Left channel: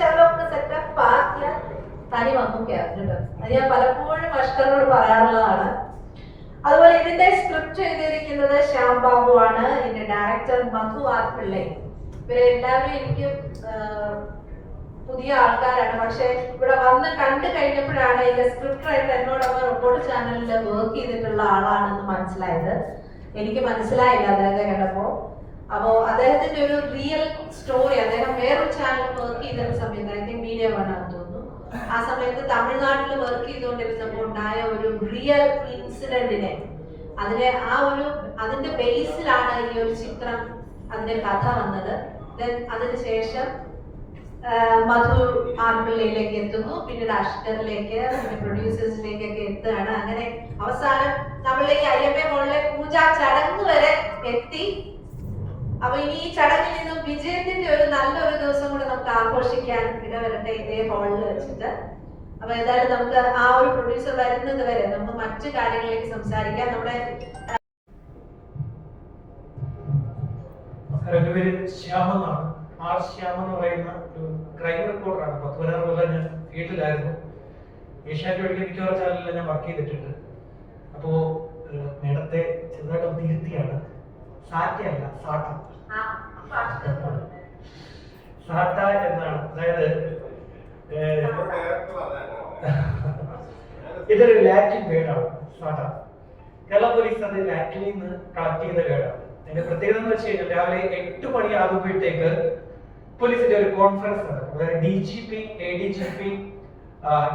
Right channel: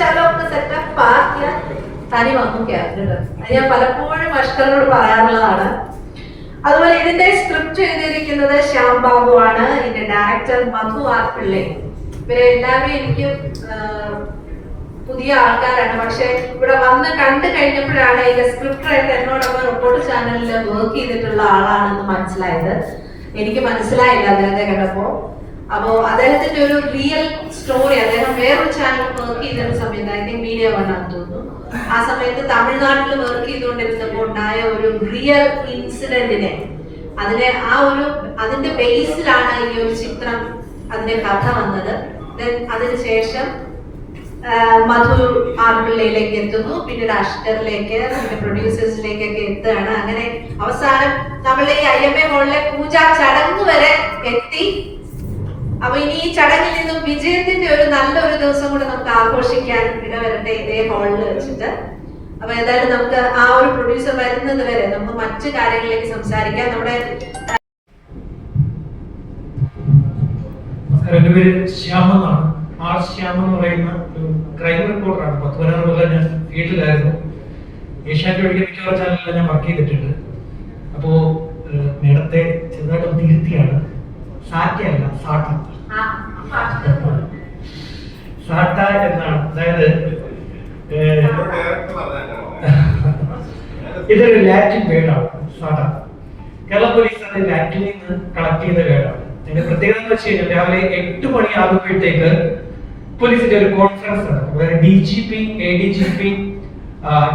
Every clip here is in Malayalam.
ശകലമൊക്കെ സെറ്റപ്പ് ആക്കിയാൽ തനി വന്നു ക്യാരക്ടർ. അത് ഞാൻ പലപ്പോഴും അഷ്കറിനോട് പറയാറുള്ളതാണ്. അതുപോലെ ഇതിന്റെ സ്ക്രിപ്റ്റ് എഴുതിയിരിക്കുന്നത് ശ്യാം ബാബു ആണ്. ഇതിന്റെ ഡയറക്ടർ മധു ആർ പിള്ളെ. ഇവരെല്ലാവരും എനിക്ക് പുതിയ ആൾക്കാരാണ്. പക്ഷെ ഇവിടെ വന്ന് കണ്ടു കഴിഞ്ഞപ്പോഴാണ് ഇതിന്റെ സ്ക്രിപ്റ്റ് റൈറ്റർ എന്നോടൊപ്പം റിപ്പോർട്ട് ചാനലിൽ വർക്ക് ചെയ്തിട്ടുള്ള ആളാണെന്ന് മനസ്സിലായത്. എനിക്ക് മനസ്സിലായില്ല അദ്ദേഹത്തെ കണ്ടപ്പോ. അപ്പോ അദ്ദേഹത്തിന്റെ ഒരു റിയൽ സ്റ്റോറി, അദ്ദേഹം വേറൊരു ചാനൽ വർക്ക് ചെയ്തിരുന്ന സമയത്ത്, ഐ തിങ്ക് മീഡിയ വണ്ണാന്ന് തോന്നുന്നു, ആ സമയത്ത് തമിഴ്നാട്ടിൽ വർക്ക് ചെയ്തുകൊണ്ടിരുന്നപ്പോൾ ഉണ്ടായ ഒരു റിയൽ ഇൻസിഡന്റിനെ, അതിന്റെ ബേസിലാണ് ഈ ഒരു ചിത്രം, അതിന്റെ കഥ വന്നത്. അതിനുശേഷം മധു ആർ പിള്ളയിലേക്ക് എത്തുന്നു, പിന്നീട് അഷ്കറിലേക്ക്, പിന്നെ പ്രൊഡ്യൂസേഴ്സിലേക്കൊക്കെ എത്തുകയാണ്. അങ്ങനെ അവസാനം നമ്മൾ ഈ IMA ഹോളിലെ പൂജാ ചടങ്ങ് വരെ എത്തി. അപ്പൊ ഇനി ഈ ചടങ്ങിൽ നിന്നും വിജയത്തിന്റെ ഒരു നല്ലൊരു ദിവസം കൂടെ നമുക്ക് ആഘോഷിക്കാൻ ഇടവരട്ടെ ഇതേ ഹാളിൽ വെച്ചിട്ട്. അപ്പൊ ഏതായാലും നമുക്ക് ആ ഒരു പ്രൊഡ്യൂസർ വരുന്നത് വരെ നമുക്ക് മറ്റു കാര്യങ്ങളിലേക്ക് സംസാരിക്കാം. നമ്മുടെ എന്റെ പേര് ശ്യാമെന്നാണ്. ആർ ശ്യാം എന്ന് പറയുന്ന ഒരു ക്രൈം റിപ്പോർട്ടറാണ്. 10-15 കൊല്ലം ഞാൻ ഫീൽഡിലായിരുന്നു. ഏഷ്യാനെറ്റ് ഒഴികെ മിക്കവാറും ചാനലിൽ ഞാൻ വർക്ക് ചെയ്തിട്ടുണ്ട്. അപ്പോ മേഡത്തെ ചെറുതായിട്ട് തിരുത്തിയാണ്, സാറ്റയല്ല സാട്ട. സാട്ട എന്നാണ്. അതായത് ഇതൊരു ലാറ്റിൻ വേർഡാണ് സാട്ട. കേരള പോലീസ് അത് ലാറ്റിനിൽ നിന്ന് കളക്ട് ചെയ്ത വേർഡാണ്. അതിന്റെ പ്രത്യേകത എന്ന് വെച്ച് കഴിഞ്ഞാൽ രാവിലെ 8 മണി ആകുമ്പോഴത്തേക്ക് പോലീസിന്റെ ഒരു കോൺഫറൻസ് നടക്കും. അതായത് DGP, ADGP,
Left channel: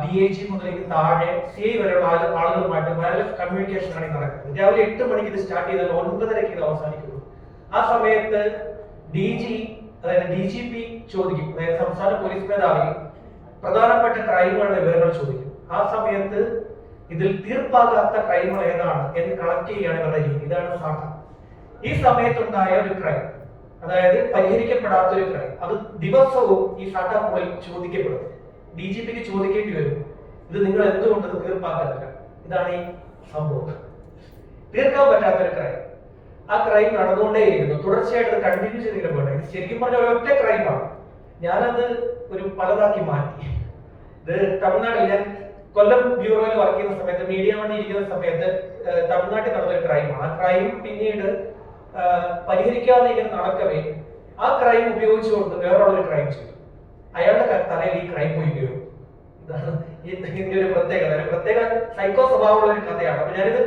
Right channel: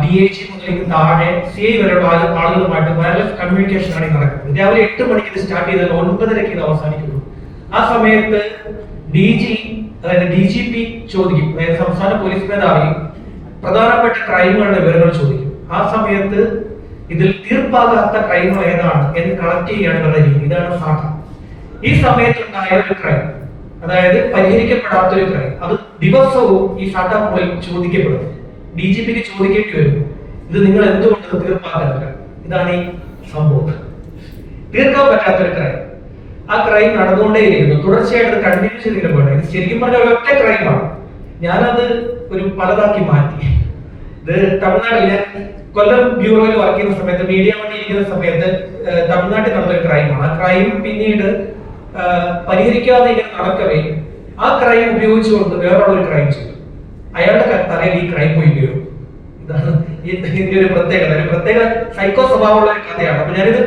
DIG മുതലേക്ക് താഴെ CI വരെയുള്ള ആളുകളുമായിട്ട് വയർലെസ് കമ്മ്യൂണിക്കേഷൻ ആണ് നടക്കുന്നത്. രാവിലെ 8 മണിക്ക് ഇത് സ്റ്റാർട്ട് ചെയ്താൽ 9:30 ഇത് അവസാനിക്കുന്നു. ആ സമയത്ത് അതായത് DGP ചോദിക്കും, അതായത് സംസ്ഥാന പോലീസ് മേധാവി പ്രധാനപ്പെട്ട ക്രൈമുകളുടെ വിവരങ്ങൾ ചോദിക്കും. ആ സമയത്ത് ഇതിൽ തീർപ്പാകാത്ത ക്രൈമുകൾ ഏതാണ് എന്ന് കളക്ട് ചെയ്യുകയാണ് ഇവരുടെ രീതി. ഇതാണ് സാട്ട. ഈ സമയത്തുണ്ടായ ഒരു ക്രൈം, അതായത് പരിഹരിക്കപ്പെടാത്ത ഒരു ക്രൈം, അത് ദിവസവും ഈ സാട്ട പോയി ചോദിക്കപ്പെടും. DGPക്ക് ചോദിക്കേണ്ടി വരും, ഇത് നിങ്ങൾ എന്തുകൊണ്ട് തീർപ്പാക്കുന്നില്ല? ഇതാണ് ഈ സംഭവം. തീർക്കാൻ പറ്റാത്തൊരു ക്രൈം. ആ ക്രൈം നടന്നുകൊണ്ടേയിരിക്കുന്നു, തുടർച്ചയായിട്ട് കണ്ടിന്യൂ ചെയ്തിട്ട് പോകണം. ഇത് ശരിക്കും പറഞ്ഞ ഒരൊറ്റ ക്രൈമാണ്. ഞാനത് ഒരു പലതാക്കി മാറ്റി. ഇത് തമിഴ്നാട്ടിൽ, ഞാൻ കൊല്ലം ബ്യൂറോയിൽ വർക്ക് ചെയ്യുന്ന സമയത്ത്, മീഡിയ വണ്ടി ഇരിക്കുന്ന സമയത്ത് തമിഴ്നാട്ടിൽ നടന്നൊരു ക്രൈമാണ്. ആ ക്രൈം പിന്നീട് പരിഹരിക്കാതെ ഇങ്ങനെ നടക്കവേ ആ ക്രൈം ഉപയോഗിച്ചുകൊണ്ട് വേറൊരു ക്രൈം ചെയ്തു. അയാളുടെ തലയിൽ ഈ ക്രൈം പോയി വീഴും. ഇതാണ് ഇതിന്റെ ഒരു പ്രത്യേകത. ഒരു പ്രത്യേക സൈക്കോ സ്വഭാവമുള്ള ഒരു കഥയാണ്. അപ്പൊ ഞാനിത്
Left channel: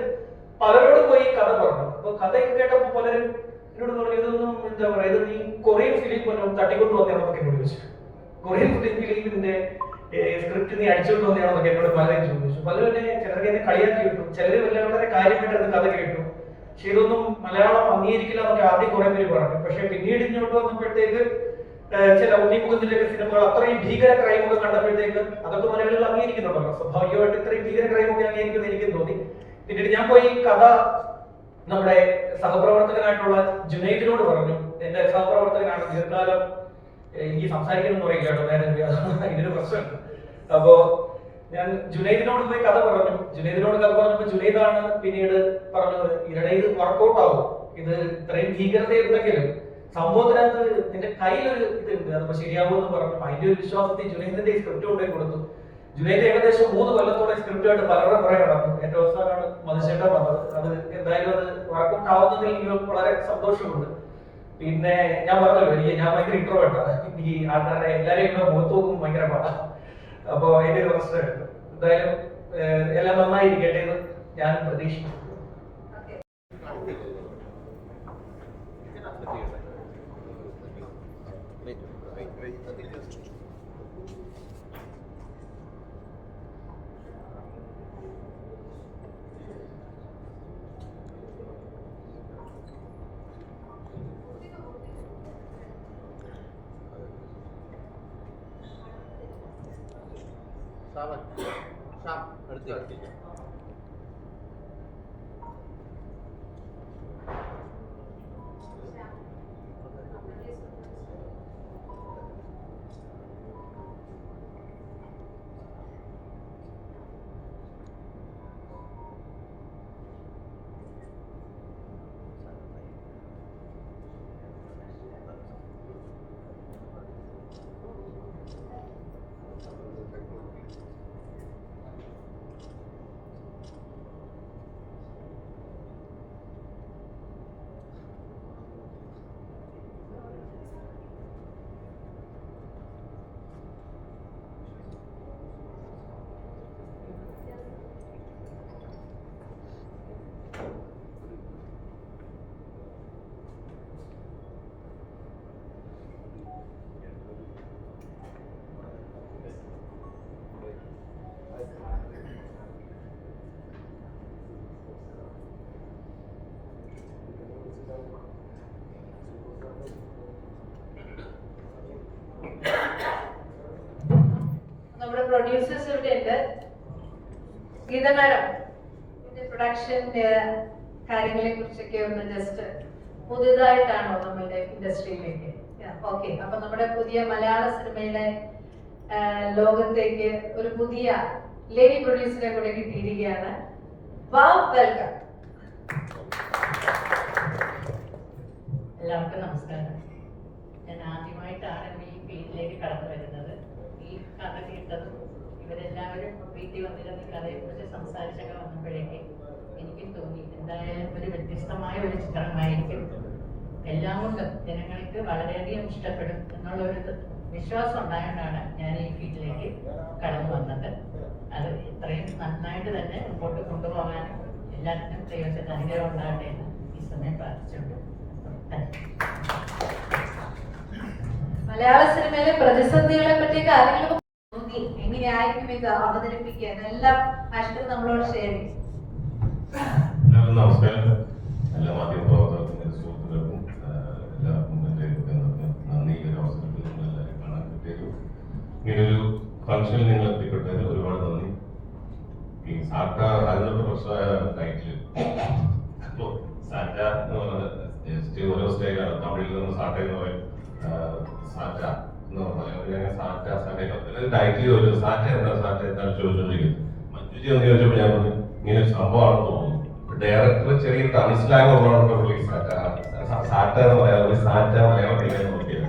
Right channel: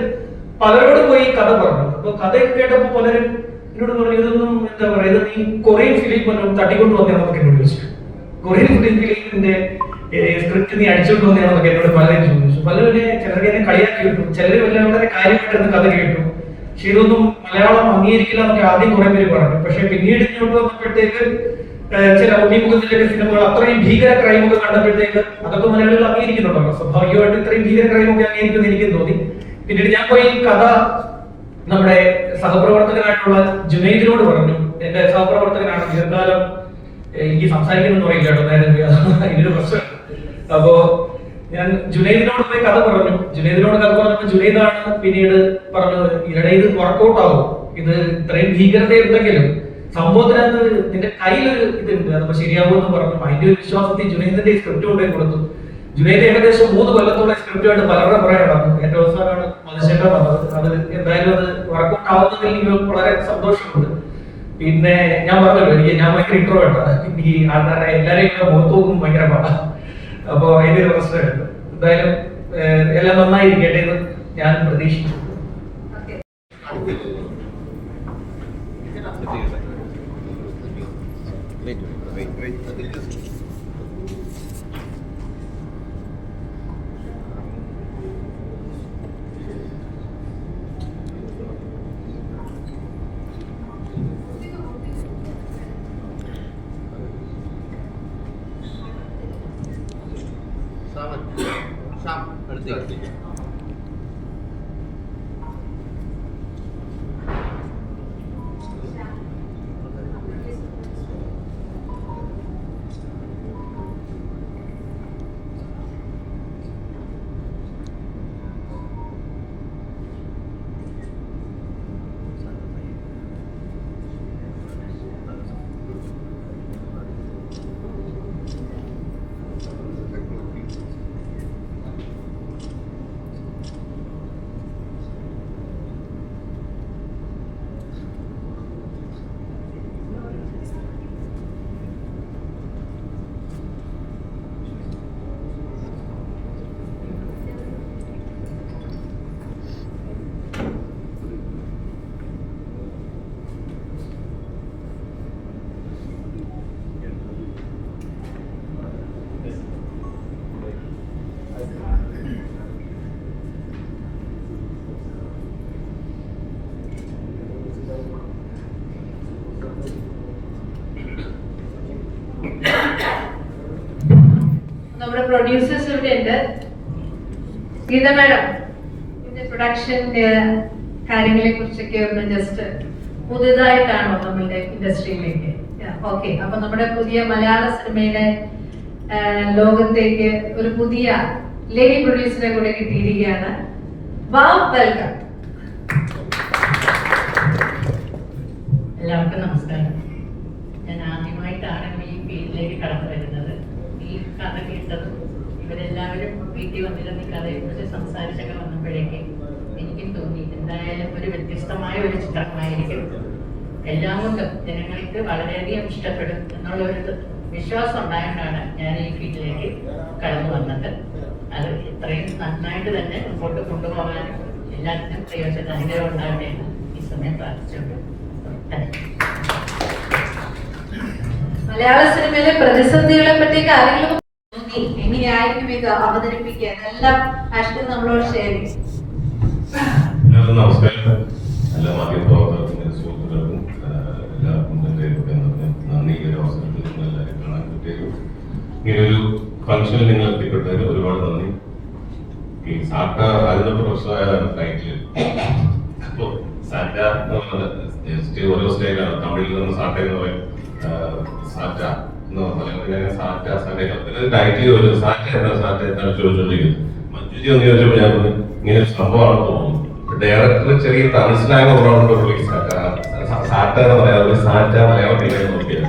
പലരോട് പോയി കഥ പറഞ്ഞു. അപ്പൊ കഥയൊക്കെ കേട്ടപ്പോ പലരും എന്നോട് പറഞ്ഞു, ഇതൊന്നും എന്താ പറയുക, ഇത് നീ കൊറിയൻ ഫിലിം തട്ടിക്കൊണ്ട് വന്നതാണെന്നൊക്കെ എന്നോട് ചോദിച്ചു. കൊറിയൻ ഫിലിമിന്റെ സ്ക്രിപ്റ്റ് നീ അടിച്ചോണ്ട് വന്നതാണെന്നൊക്കെ എന്നോട് പലരും ചോദിച്ചു. പലരും ചിലർക്ക് എന്നെ കളിയാക്കി കിട്ടും, ചിലർ വളരെ കാര്യമായിട്ടാണ് കഥ കേട്ടു. പക്ഷെ ഇതൊന്നും മലയാളം അംഗീകരിക്കില്ല എന്നൊക്കെ ആദ്യം കുറെ പേര് പറഞ്ഞു. പക്ഷെ പിന്നീട് ഇങ്ങോട്ട് വന്നപ്പോഴത്തേക്ക് ചില ഉണ്ണിമുഖത്തിന്റെ സിനിമകൾ അത്രയും ഭീകര ക്രൈമൊക്കെ കണ്ടപ്പോഴത്തേക്ക് അതൊക്കെ മലയാളികൾ അംഗീകരിക്കുന്നുണ്ടല്ലോ. സ്വാഭാവികമായിട്ട് ഇത്രയും ഭീകര ക്രൈമൊക്കെ അംഗീകരിക്കുമെന്ന് എനിക്ക് തോന്നി. പിന്നീട് ഞാൻ പോയി കഥ നമ്മുടെ സഹപ്രവർത്തകനായിട്ടുള്ള ജുനൈദിനോട് പറഞ്ഞു. എന്റെ സഹപ്രവർത്തകനാണ്, ദീർഘകാലം എനിക്ക് സംസാരിക്കുന്നു പറയില്ല കേട്ടോ, നേരെ ഇതിന്റെ പ്രശ്നം. അപ്പോ ഞാൻ ജുനൈദിനോട് പോയി കഥ പറഞ്ഞു. ജുനൈദിനോട് കഥ പറഞ്ഞപ്പോ ജുനൈദാണ് പിന്നീട് പറഞ്ഞത്, ഇവിടെ ഇത് വർക്കൗട്ട് ആവും, ഇത് ഇത്രയും ഭീകരതയുണ്ടെങ്കിലും സംഭവത്തിനകത്ത് നിന്റെ കയ്യിലൊരു ഇതുണ്ട്, അതൊക്കെ ശരിയാവുമെന്ന് പറഞ്ഞു. അതിന്റെ ഒരു വിശ്വാസത്തിൽ ജുനൈദിന്റെ സ്ക്രിപ്റ്റ് കൊണ്ടുപോയി കൊടുത്തു. ജുനൈദ് ഏകദേശം 3 കൊല്ലത്തോളം സ്ക്രിപ്റ്റുമായിട്ട് പലരുടെ പുറകെ നടന്നു. ഏറ്റവും അവസാനമാണ് മധുശേഖരൻ വന്നത്. അത് എന്തായാലും അത് വർക്കൗട്ട് ആവുന്നതിൽ എനിക്ക് വളരെ സന്തോഷമുണ്ട്. പിന്നെ ഞാൻ പറഞ്ഞല്ലോ, ഞാൻ ഭയങ്കര ഇൻട്രോവേർട്ടാണ്. ഈ ആൾക്കാരെ എല്ലാവരെയും മുഖത്ത് നോക്കും ഭയങ്കര പാടാണ്. അപ്പൊ അതിന്റെ ഒരു പ്രശ്നമുണ്ട്. എന്തായാലും എല്ലാം നന്നായിരിക്കട്ടെ എന്ന് ഞാൻ പ്രതീക്ഷിക്കുന്നു. പ്രൊഡ്യൂസേഴ്സ് ഇവിടെ ഉണ്ട്. ഗീത മാഡം ഇതിന്റെ പ്രൊഡക്ഷന്റെ കാര്യങ്ങളെ കുറിച്ചൊക്കെ ഒന്ന് ജസ്റ്റ് പുതിയതായിട്ടാണോ നമ്മളുടെ ഇൻഡസ്ട്രിയിലേക്ക്? ഓക്കെ, അപ്പൊ നമ്മുടെ പുതിയ മലയാള സിനിമയുടെ ലോകത്തേക്ക് ഒരു പുതിയ ലേഡി പ്രൊഡ്യൂസറെ കൂടെ കിട്ടിയിരിക്കുകയാണ്. വെൽക്കം. എല്ലാവർക്കും നമസ്കാരം. ഞാൻ ആദ്യമായിട്ടാണ് ഈ ഫീൽഡിലേക്ക് കടന്നു വരുന്നത്. ഈ കഥ കേട്ടതും ഇവരെല്ലാവരും വീട്ടിൽ വന്നിരുന്ന ഈ കഥയെക്കുറിച്ച് സംസാരിച്ചൊക്കെ വന്നപ്പോഴേക്ക് എനിക്കും തോന്നി എന്തായാലും ഒരു വ്യത്യസ്തമായ ഒരു ചിത്രമായിരിക്കും. എല്ലാം കൊണ്ടും ജനങ്ങൾക്ക് വളരെയധികം ഇഷ്ടപ്പെടും എന്നുള്ളൊരു വിശ്വാസം ഉണ്ടായതുകൊണ്ടാണ് ഞാൻ ഈ ഫീൽഡിലേക്ക് കടന്നു വന്നത്. അത് ഇത്രയും നന്നായിട്ട് തന്നെ മുമ്പോട്ട് കൊണ്ടുപോകാനും എല്ലാത്തിനും പ്രയോജനം ഉണ്ടാകട്ടെ ഈ സമയം പ്രാർത്ഥിച്ചുകൊണ്ട് മലയാള സിനിമയിലെ പ്രതിസന്ധികളെ പറ്റിയൊക്കെ ആരെങ്കിലും തോന്നി എങ്ങനെയായിരിക്കും ഇത് അവതരിപ്പിക്കുക എന്നെല്ലാം അഷ്കർ നമ്മളോട് ഷെയർ ചെയ്യും. നമസ്കാരം. എല്ലാ മാധ്യമപ്രവർത്തകർക്കും സുഹൃത്തുക്കൾക്കും എല്ലാവർക്കും നന്ദി. ഈ ഒരു അവസരത്തിൽ നിങ്ങളെല്ലാവരും കാണാൻ പറ്റിയത് ഇങ്ങനൊരു ഫംഗ്ഷനിൽ നിങ്ങൾ എത്തിപ്പെട്ടതിന് ഒരുപാട് നന്ദി. ഈ സാറ്റ അതിന്റെ പ്രൊഫഷണലായതാണ് ടൈറ്റിൽ. അപ്പോൾ സാറ്റ എന്ന് പറഞ്ഞത് ഓരോ സ്റ്റൈലാണ്. തമിഴിൽ നിന്ന് സാറ്റ എന്ന് പറയും, സാറ്റ എന്ന് പറഞ്ഞാൽ സാറ്റ സാറ്റ ടൈറ്റിൽ ചോദിച്ചത് സാറ്റ എന്താണ് ചോദിച്ചുകൊണ്ടിരിക്കുന്നത്. മഞ്ജുജി എന്ന് ചോദിച്ചപ്പോൾ ഞാൻ പറഞ്ഞു ഇങ്ങനെ ഒരു സംഭവമാണെന്ന് തോന്നുന്നു. ഡയറക്ടർ ചെറിയ മനസ്സിലാകുന്ന പ്രോഗ്രാം സാറ്റ എന്ന് പറയാതെ സാറ്റ മലയാളത്തിൽ നോക്കിയത്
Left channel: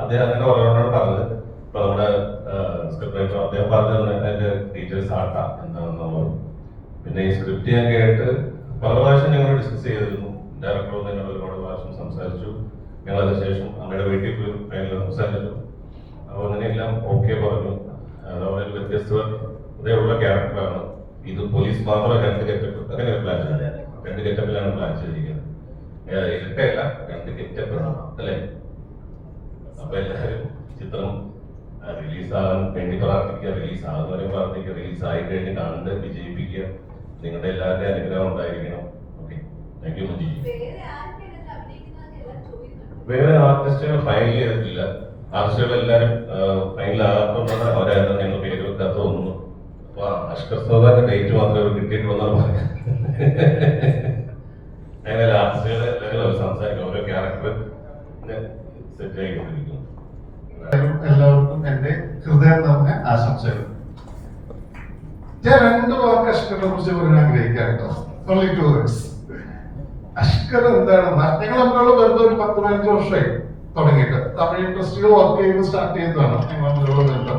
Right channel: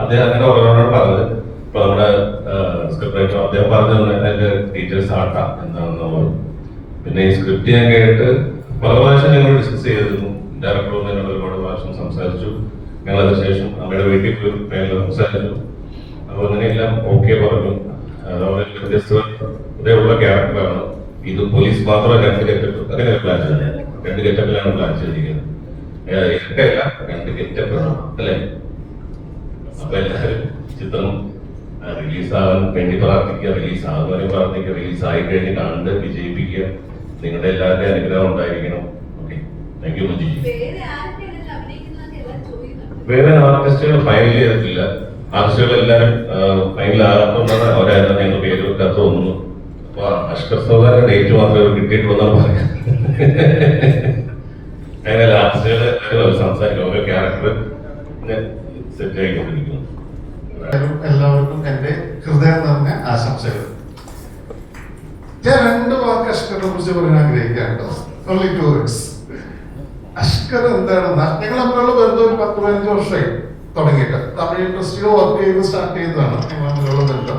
അദ്ദേഹം അങ്ങനെ ഓരോരോട് പറഞ്ഞത്. ഇപ്പൊ നമ്മുടെ സ്ക്രിപ്റ്റ് റൈറ്റർ അദ്ദേഹം പറഞ്ഞു അതിന്റെ ടീച്ചർ സാട്ട എന്താണെന്ന് പറഞ്ഞു. പിന്നെ ഈ സ്ക്രിപ്റ്റ് ഞാൻ കേട്ട് പല പ്രാവശ്യം ഞങ്ങൾ ഡിസ്കസ് ചെയ്തിരുന്നു. ഡയറക്ടറും എന്നോട് ഒരുപാട് പ്രാവശ്യം സംസാരിച്ചു. ഞങ്ങൾ അതിനുശേഷം അമ്മയുടെ വീട്ടിൽ പോയി സംസാരിച്ചു. അപ്പോൾ അങ്ങനെയെല്ലാം ഓക്കെ പറഞ്ഞു. അതുപോലെ വ്യത്യസ്തതയുള്ള ക്യാരക്ടറാണ് ഇത്. പോലീസ് മാത്രമല്ല, രണ്ട് ഗെറ്റപ്പ് അങ്ങനെ പ്ലാൻ ചെയ്തത്. രണ്ട് ഗെറ്റപ്പിലാണ് പ്ലാൻ ചെയ്തിരിക്കുന്നത്. ഇരട്ടയല്ല, രണ്ട് ഗെറ്റപ്പ് അല്ലേ? അപ്പൊ എല്ലാവരും ചിത്രം റിലീസാകാൻ വേണ്ടി പ്രാർത്ഥിക്കുക, റിലീസാകുന്നവരെയും പ്രാർത്ഥിക്കുക, റിലീസായി കഴിഞ്ഞ് കണ്ട് വിജയിപ്പിക്കുക. നിങ്ങളുടെ എല്ലാവരുടെയും അനുഗ്രഹം ഉണ്ടായിരിക്കണം. Okay, thank you Manji. വേറെ ആർട്ടിസ്റ്റുകൾ ഫൈനൽ ചെയ്തിട്ടില്ല. ആർട്ടിസ്റ്റുകൾ എല്ലാവരും ഫൈനൽ ആകാത്തതുകൊണ്ടാണ് അവരായിരുന്നു ഞങ്ങൾ പേര് വെക്കാത്ത തോന്നുന്നു. അപ്പൊ അഷ്കർ സൗദാന്റെ ഡേറ്റ് മാത്രമേ കിട്ടിയിട്ട് വന്നാൽ പറയാം. അങ്ങനെയല്ല, ആർട്ടിസ്റ്റുകൾ എല്ലാവരും സംസാരിക്കും. ഓരോ ക്യാരക്ടർ സെറ്റ് ആയിക്കൊണ്ടിരിക്കുന്നു. എല്ലാവർക്കും എന്റെ ഹൃദയം നിറഞ്ഞ ആശംസകൾ. ഞാൻ രണ്ട് വാക്ക് അഷ്കറിനെ കുറിച്ച് പറയാൻ ആഗ്രഹിക്കാം. Only 2 words. അഷ്കർ എന്താണെന്ന് ഞങ്ങൾ തമ്മിലുള്ള ബന്ധം ഒരു 10-15 വർഷമായി തുടങ്ങിയിട്ട്. തമിഴ് ഇൻഡസ്ട്രിയിൽ വർക്ക് ചെയ്ത് സ്റ്റാർട്ട് ചെയ്തതാണ് ഞങ്ങൾ തമ്മിലുള്ള ബന്ധം.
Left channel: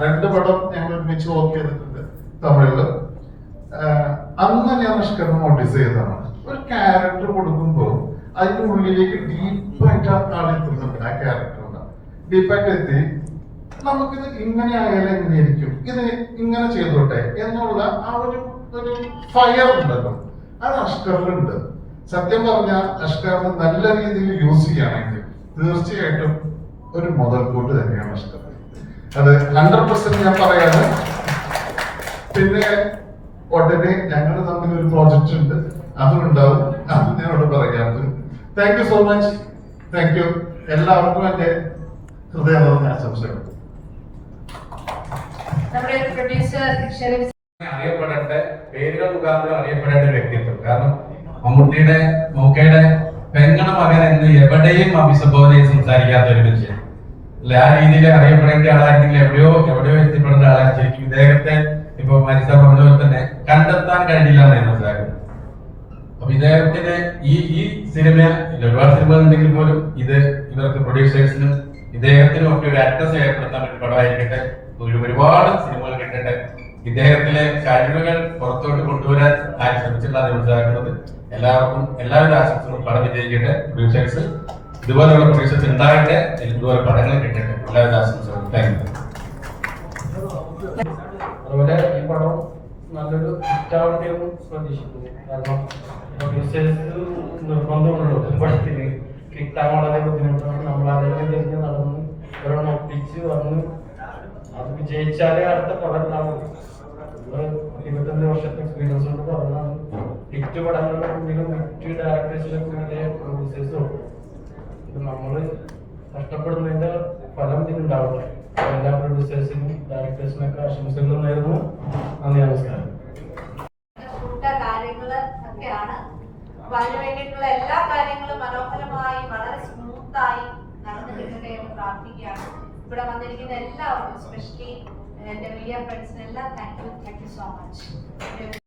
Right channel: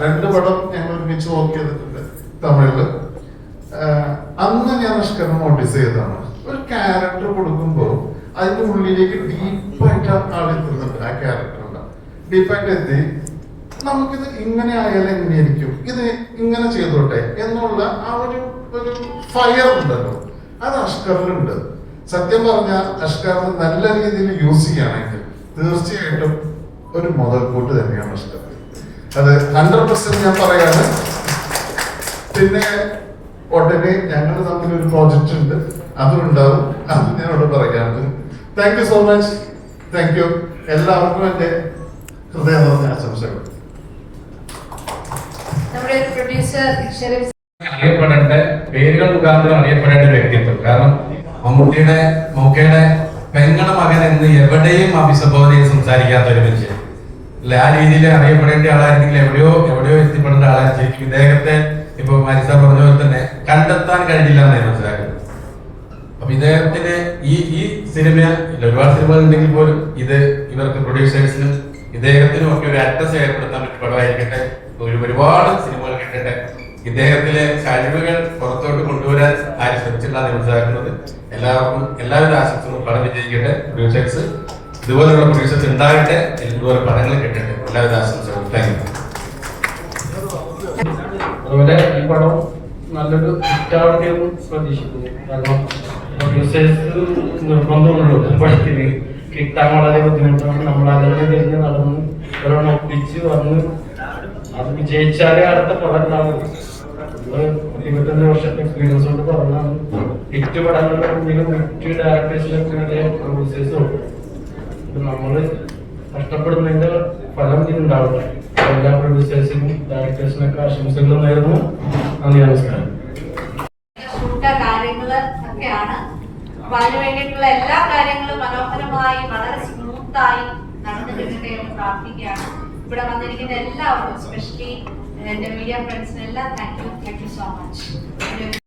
2 പടം ഞങ്ങൾ ഒരുമിച്ച് വർക്ക് ചെയ്തിട്ടുണ്ട് തമിഴില്. അന്ന് ഞാൻ അഷ്കറിനെ നോട്ടീസ് ചെയ്തതാണ്. ഒരു ക്യാരക്ടർ കൊടുക്കുമ്പോൾ അതിന്റെ ഉള്ളിലേക്ക് ഡീപ്പായിട്ട് ആളെത്തുന്നുണ്ട്. ആ ക്യാരക്ടറിന് ഡീപ്പായിട്ട് എത്തി നമുക്കിത് ഇങ്ങനെ ആയാലും എങ്ങനെയായിരിക്കും, ഇത് ഇങ്ങനെ ചെയ്തോട്ടെ എന്നുള്ള ആ ഒരു ഫയർ ഉണ്ടല്ലോ, അത് അഷ്കറിലുണ്ട്. സത്യം പറഞ്ഞാൽ അഷ്കറിന് നല്ല രീതിയിൽ യൂസ് ചെയ്യുകയാണെങ്കിൽ തീർച്ചയായിട്ടും ഒരു മുതൽക്കൂട്ട് തന്നെയാണ് അഷ്കർ. അത് 100% ഞാൻ പറയാണ്. പിന്നെ ഉടനെ ഞങ്ങൾ തമ്മിൽ ഒരു പ്രോജക്റ്റ് ഉണ്ട്, അതും ഉണ്ടാവും. അത് ഞാനോട് പറയാറ്. Thank you so much. Thank you. എല്ലാവർക്കും എന്റെ ഹൃദയം നിറഞ്ഞ ആശംസകൾ. നമ്മുടെ പ്രൊഡ്യൂസർ ഷെരീഫ് അറിയപ്പെടേണ്ട പേരുകൾ മുഖാന്തരം അറിയപ്പെടേണ്ട ഒരു വ്യക്തിത്വം. കാരണം മമ്മൂട്ടിയുടെ മൗക്കയുടെ പെങ്ങളുടെ മകൻ എന്ന് എവിടെയും അഭിസംബോധനയിൽ സംസാരിക്കാത്ത ഒരു മനുഷ്യൻ അല്ല. ആ രീതിയിൽ അറിയപ്പെടേണ്ട ആളായിരുന്നെങ്കിൽ എവിടെയോ എത്തിപ്പെടേണ്ട ആളായിരിക്കും. ഇദ്ദേഹത്തെ ഇപ്പൊ മരിസ പറഞ്ഞ പോലെ തന്നെ കണ്ടെത്താൻ കഴിഞ്ഞില്ല എന്നാണ് മനസ്സിലാക്കുന്നത്. അപ്പൊ ഇദ്ദേഹത്തിന് ഈ സിനിമ ഒരുപാട് സിനിമകൾ ഉണ്ടെങ്കിൽ പോലും ഇത് ഇവർക്ക് പ്രൊഡ്യൂസേഴ്സിനും ഇദ്ദേഹത്തിനും ഒക്കെ ഒരു അഡ്രസ് ഏർപ്പെടുത്താൻ പറ്റിയ പടമായിരിക്കട്ടെ. ഒരുപാട് സിനിമകൾ കിട്ടട്ടെ. ഇദ്ദേഹത്തിലെ കഴിവുകൾ പുറത്തോട്ട് കൊണ്ടുവരാൻ ആരും ശ്രമിച്ചിട്ടാണ് മനസ്സിലാക്കുന്നത്. എല്ലാവർക്കും എല്ലാവിധ ആശംസകളും പടം വിജയിക്കട്ടെ. പ്രൊഡ്യൂസേഴ്സ് ഇതുപോലുള്ള പ്രൊഡ്യൂസേഴ്സ് ഉണ്ടാകട്ടെ. ഇതുപോലെ പടങ്ങൾ കിട്ടട്ടെ. എല്ലാവിധ ആശംസകളും. Thank you. അതുപോലെ ഈ പടം നല്ലൊരു ഹിറ്റാവട്ടെ എന്ന് പ്രതീക്ഷിക്കുന്നു. കാരണം പ്രൊഡ്യൂസേഴ്സ് നിർബന്ധമുള്ളൂ. പടത്തിന് കിട്ടാൻ വളരെ ബുദ്ധിമുട്ടാണ്. നമ്മൾ അതിനെ തിരിഞ്ഞ് നടന്ന് ഒരെണ്ണം ഒപ്പിച്ച് വന്ന് അത് വിജയിച്ചാലേ അടുത്ത പടം ഉണ്ടാവും. 25 വർഷത്തെ എക്സ്പീരിയൻസ് കൊണ്ട് പറഞ്ഞാണ് ഹിറ്റ് പടങ്ങളുടെ മുന്നിലും ഹിറ്റ് ഡയറക്ടേഴ്സിലൊക്കെ പ്രൊഡ്യൂസേഴ്സും നമ്മള് കഷ്ടപ്പെടുന്നതിന്റെ ഫലം ഇതിനുണ്ടാവില്ല. എല്ലാ പ്രൊഡ്യൂസേഴ്സിനും ഡയറക്ടേഴ്സിനൊക്കെ ആശംസകളും നേരുന്നു. നന്ദി, നമസ്കാരം. ഷൂട്ട് കാര്യങ്ങള് ഒക്കെയാണ്. അപ്പൊ അതിനു വേണ്ടിയിട്ടുള്ള എല്ലാ കാര്യങ്ങളും മനോഹരമായി വളരെ സ്മൂത്തായി നടന്നു കിട്ടട്ടെ എന്ന് പ്രാർത്ഥിക്കുകയാണ്. ഇവിടെ വന്നിരിക്കുന്ന എല്ലാവർക്കും, എസ്പെഷ്യലി എന്റെ മീഡിയ ഫ്രണ്ട്സിനെല്ലാം താങ്ക് യു സോ മച്ച്.